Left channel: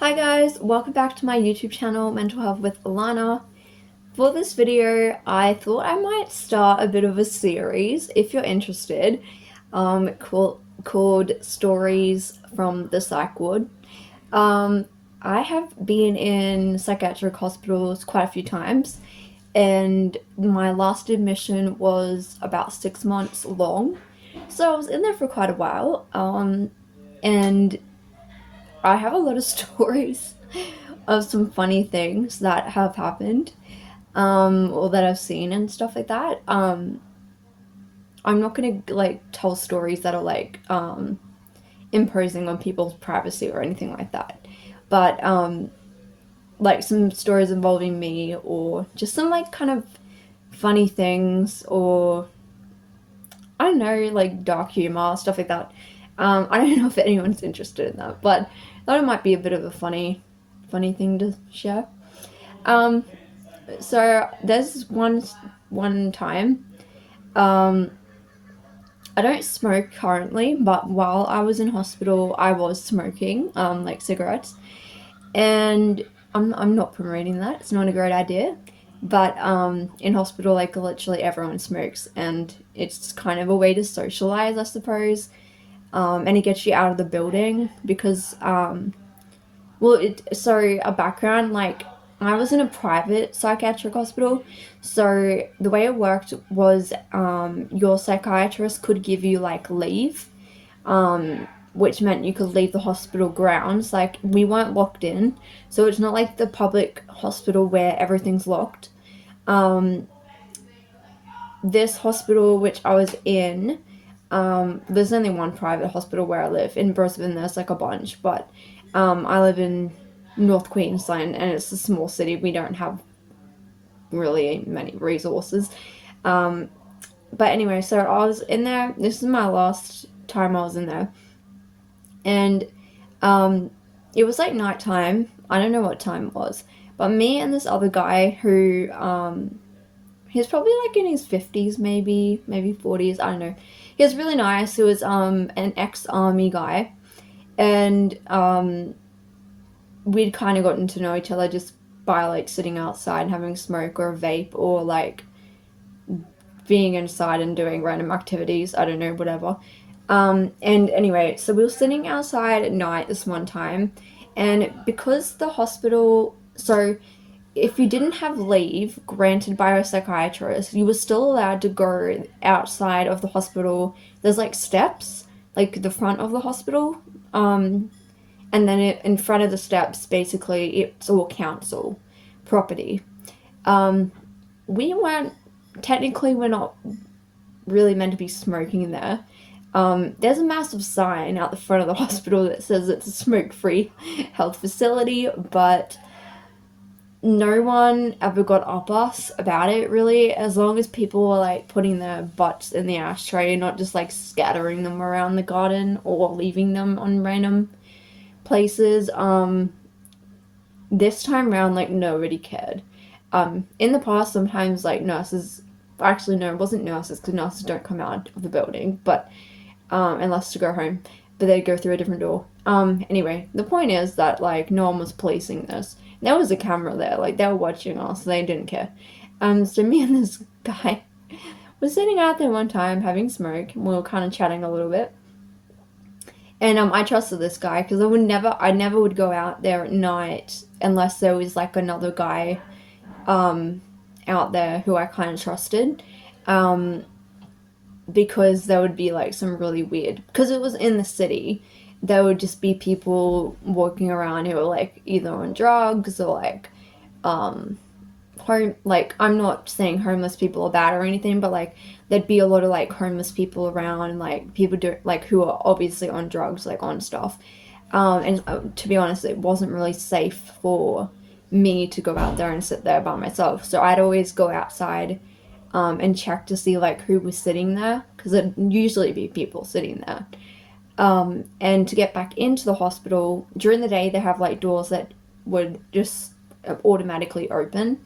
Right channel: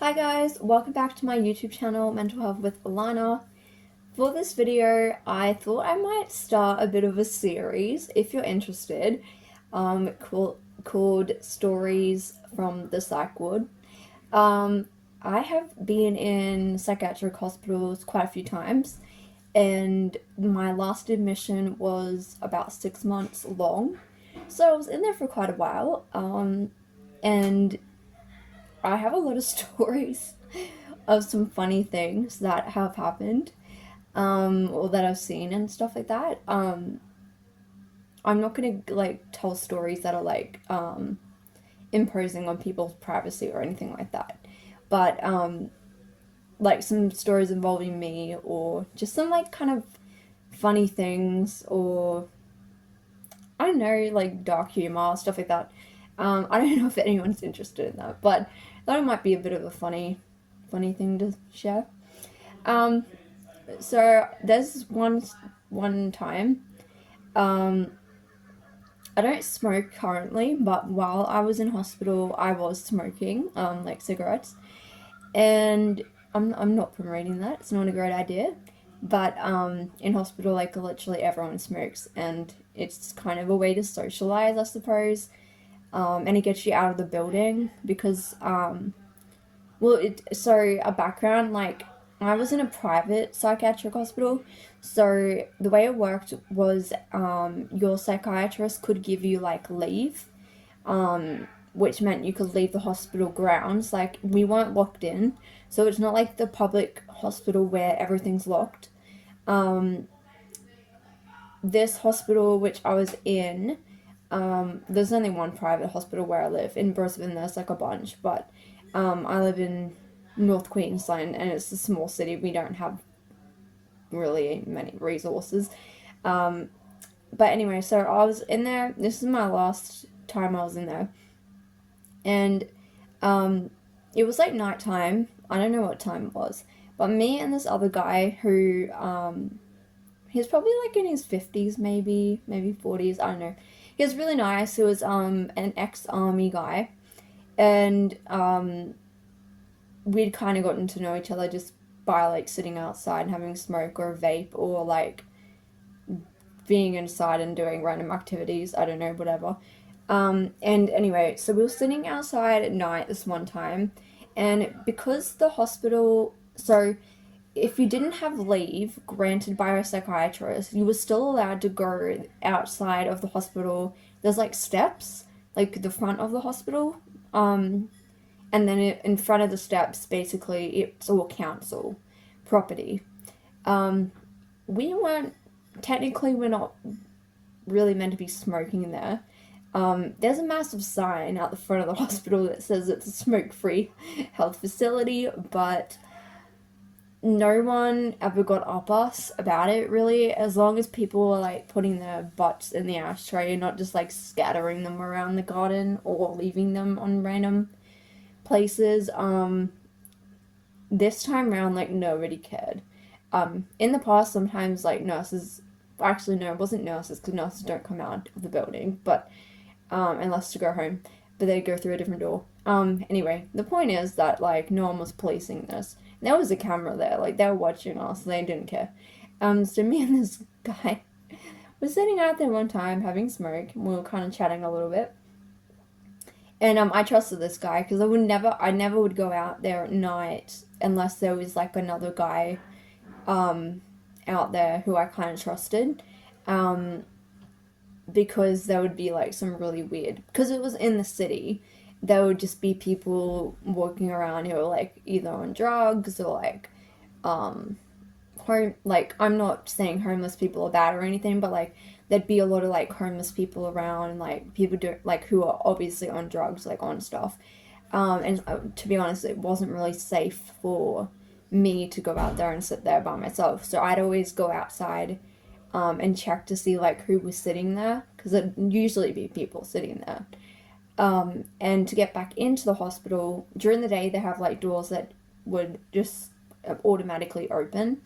Hi guys, welcome back to my YouTube channel, Mental Health with Alana. For this video, I thought I might start a bit of a series, if you're interested, called Stories from the Psych Ward. I have been in psychiatric hospitals quite a few times, and my last admission was about 6 months long. So I was in there for quite a while, and I have a lot of stories of some funny things that have happened, or that I've seen and stuff like that. I'm not gonna like tell stories that are imposing on people's privacy or anything like that, but like some stories involving me or just some like kind of funny things or I don't know, like dark humor, stuff like that. I don't know if anyone's interested in that, but I thought it might be a bit of a funny thing to share. Um, so there's one time. Um, I don't smoke currently, but while I was in hospital, I was smoking, like cigarettes, and I'm not promoting that. It's not a great idea. But in hospital, like literally everyone smokes, and it's kind of a way to socialize, I suppose. And it gets you out of the building because a background, like I was in a private psychiatric hospital, so the way it worked was your psychiatrist could give you like leave, which meant you could leave the hospital grounds. Like we weren't locked in, so it's not like the public hospital where everything's locked. um, this hospital which I was in, there's only one private hospital where I live. In Brisbane, there's like a bunch, but I live in North Queensland and it's a small city. We don't have really many resources. Um, but anyway, so I was in there. This is my last time I was in there, and um, it was like nighttime. I don't know what time it was, but me and this other guy who he's probably like in his 50s, maybe 40s, I don't know. He was really nice. He was an ex-army guy, and we'd kind of gotten to know each other just by like sitting outside and having a smoke or a vape or like being inside and doing random activities. I don't know, whatever. And anyway, so we were sitting outside at night this one time, and because the hospital, so if you didn't have leave granted by a psychiatrist, you were still allowed to go outside of the hospital. There's like steps, like the front of the hospital, and then in front of the steps, basically, it's all council property. Um, we weren't technically we're not really meant to be smoking in there. There's a massive sign out the front of the hospital that says it's a smoke-free health facility, but no one ever got up us about it really, as long as people were like putting their butts in the ashtray and not just like scattering them around the garden or leaving them on random places. This time around, like nobody cared. In the past, sometimes like nurses, actually no, it wasn't nurses because nurses don't come out of the building, but unless to go home, but they'd go through a different door. Anyway, the point is that like no one was policing this. There was a camera there, like they were watching us, they didn't care. So me and this guy were sitting out there one time having smoke, and we were kind of chatting a little bit. And I trusted this guy because I never would go out there at night unless there was like another guy out there who I kind of trusted. Because there would be like some really weird, because it was in the city, there would just be people walking around who were like either on drugs or like home, like I'm not saying homeless people are bad or anything, but like there'd be a lot of like homeless people around, and like people do like who are obviously on drugs, like on stuff. And to be honest, it wasn't really safe for me to go out there and sit there by myself, so I'd always go outside and check to see like who was sitting there, because it'd usually be people sitting there. And to get back into the hospital during the day, they have like doors that would just automatically open,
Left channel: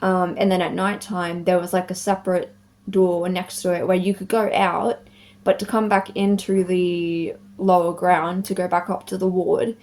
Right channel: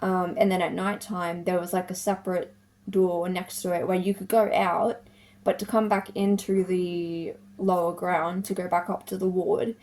and then at night time there was like a separate door next to it where you could go out, but to come back into the lower ground to go back up to the ward,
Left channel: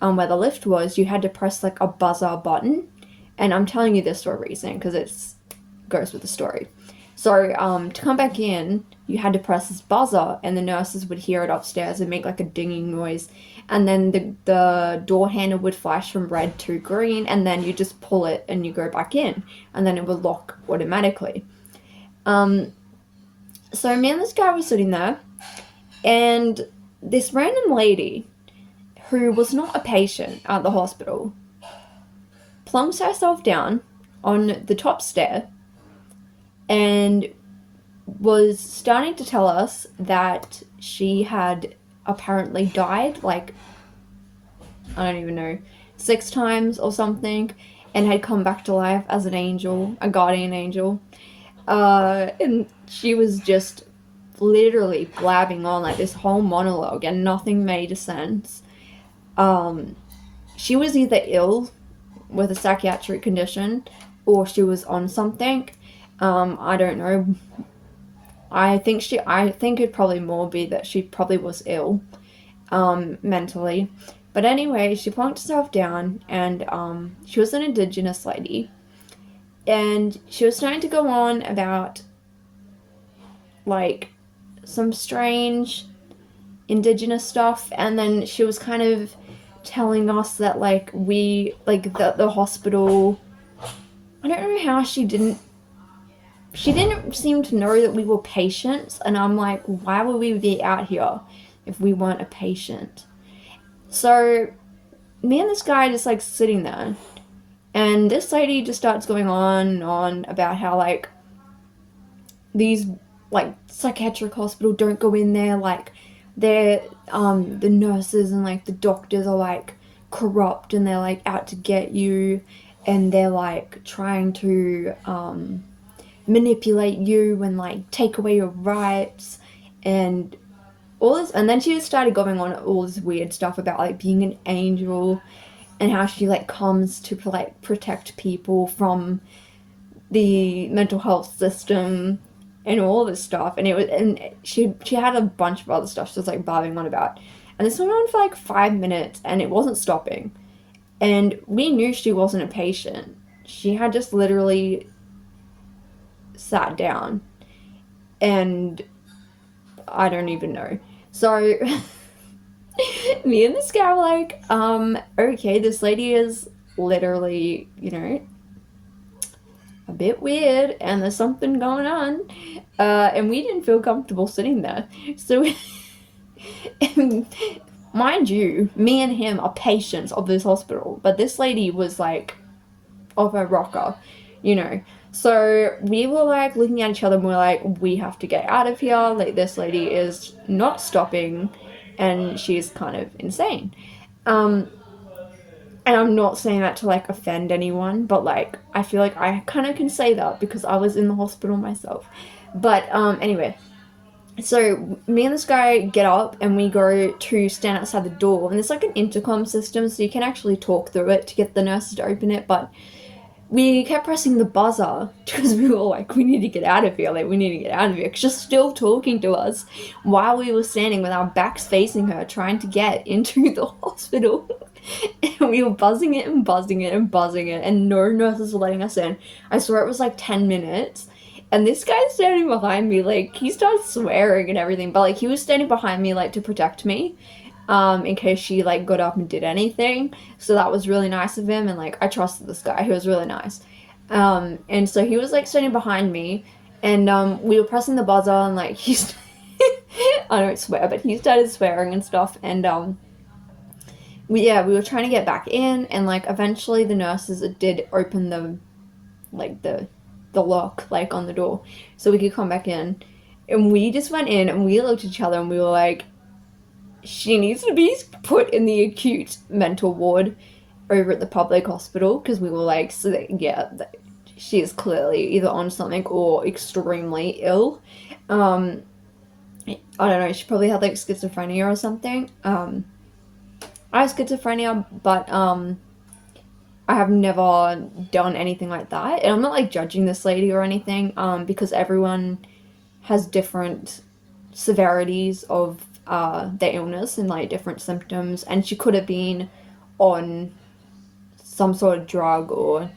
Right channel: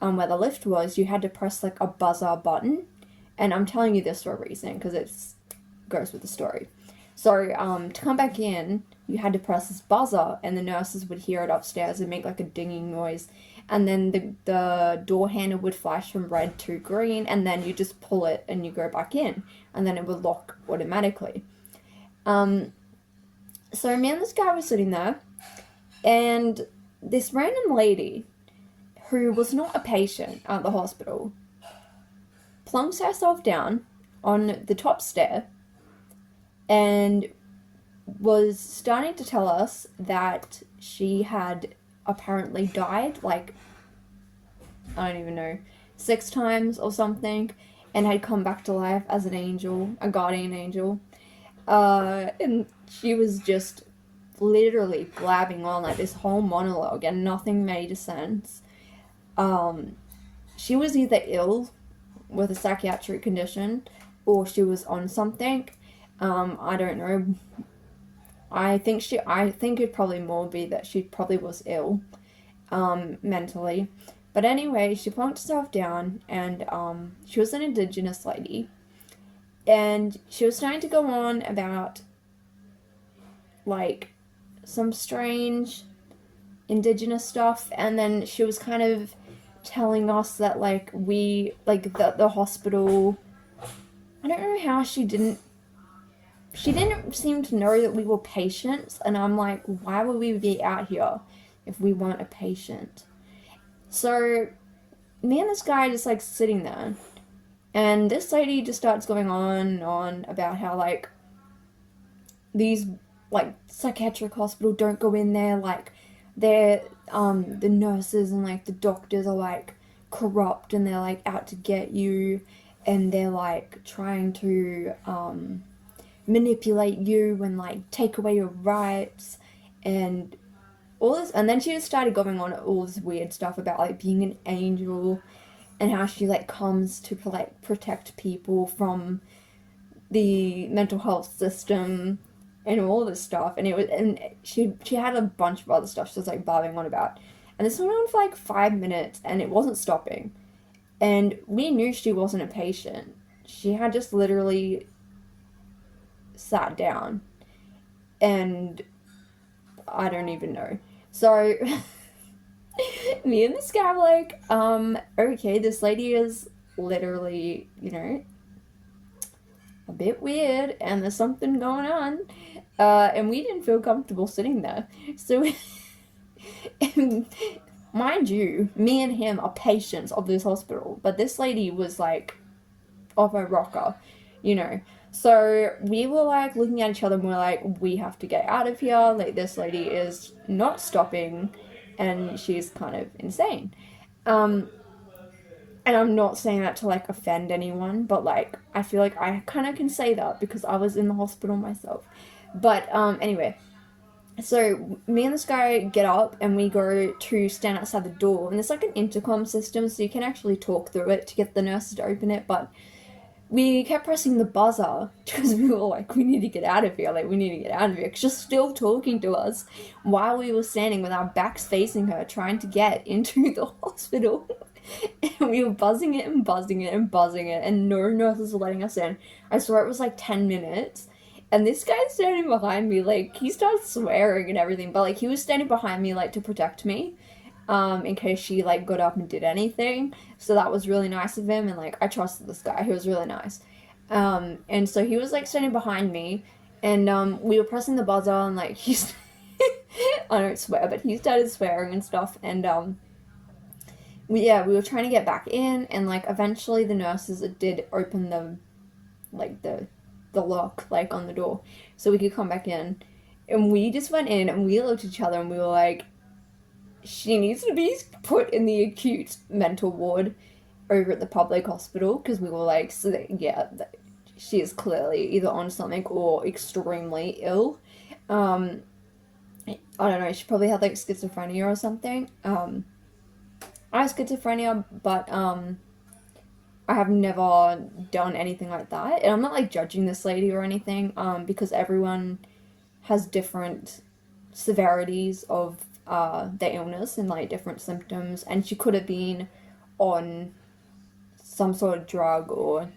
where the lift was, you had to press like a buzzer button. And I'm telling you this for a reason because it goes with the story. So to come back in, you had to press this buzzer, and the nurses would hear it upstairs and make like a dinging noise, and then the door handle would flash from red to green, and then you just pull it and you go back in, and then it would lock automatically. So me and this guy were sitting there, and this random lady who was not a patient at the hospital plunks herself down on the top stair and was starting to tell us that she had apparently died, like, I don't even know, 6 times or something, and had come back to life as an angel, a guardian angel. And she was just literally blabbing on like this whole monologue, and nothing made sense. She was either ill with a psychiatric condition, or she was on something. I don't know. I think it'd probably more be that she probably was ill, mentally. But anyway, she plunked herself down, and she was an Indigenous lady, and she was starting to go on about like some strange Indigenous stuff, and then she was kind of telling us that like the hospital, I don't know how she didn't seem to know that we were patients, and I'm like, why would we be out here if we weren't a patient? So me and this guy just like sitting there, and this lady just starts going on and on about how like these like psychiatric hospital, don't go in there, like they're the nurses and like the doctors are like corrupt, and they're like out to get you, and they're like trying to manipulate you and like take away your rights and all this. And then she just started going on all this weird stuff about like being an angel, and how she like comes to like protect people from the mental health system and all this stuff. And she had a bunch of other stuff she was like blabbing on about, and this went on for like 5 minutes, and it wasn't stopping. And we knew she wasn't a patient. She had just literally sat down, and I don't even know. So me and this guy were like, okay, this lady is literally, you know, a bit weird, and there's something going on. And we didn't feel comfortable sitting there. So, mind you, me and him are patients of this hospital, but this lady was like off her rocker, you know. So we were like looking at each other, and we're like, we have to get out of here. Like, this lady is not stopping, and she's kind of insane. And I'm not saying that to like offend anyone, but like I feel like I kind of can say that because I was in the hospital myself. But anyway, so me and this guy get up, and we go to stand outside the door, and there's like an intercom system, so you can actually talk through it to get the nurses to open it. But we kept pressing the buzzer because we were like, we need to get out of here, like we need to get out of here, because she's still talking to us while we were standing with our backs facing her, trying to get into the hospital. And we were buzzing it and buzzing it and buzzing it, and no nurses were letting us in. I swear it was like 10 minutes. And this guy's standing behind me, like, he started swearing and everything, but like he was standing behind me like to protect me, in case she like got up and did anything. So that was really nice of him, and like I trusted this guy. He was really nice. And so he was like standing behind me, and we were pressing the buzzer, and like he's I don't swear, but he started swearing and stuff. And we were trying to get back in, and like eventually the nurses did open the lock like on the door so we could come back in. And we just went in, and we looked at each other, and we were like, she needs to be put in the acute mental ward over at the public hospital, because we were like, so that, yeah, she is clearly either on something or extremely ill. I don't know, she probably had like schizophrenia or something. I have schizophrenia, but I have never done anything like that. And I'm not like judging this lady or anything, because everyone has different severities of their illness and like different symptoms, and she could have been on some sort of drug or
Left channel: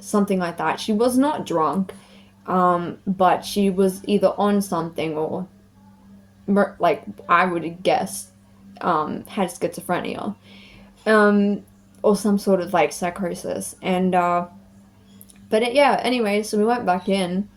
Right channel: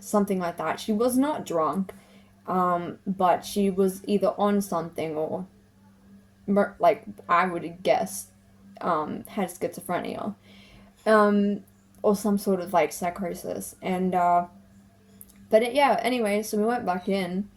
something like that. She was not drunk, but she was either on something or, like I would guess, had schizophrenia, or some sort of like psychosis. And yeah. Anyway, so we went back in,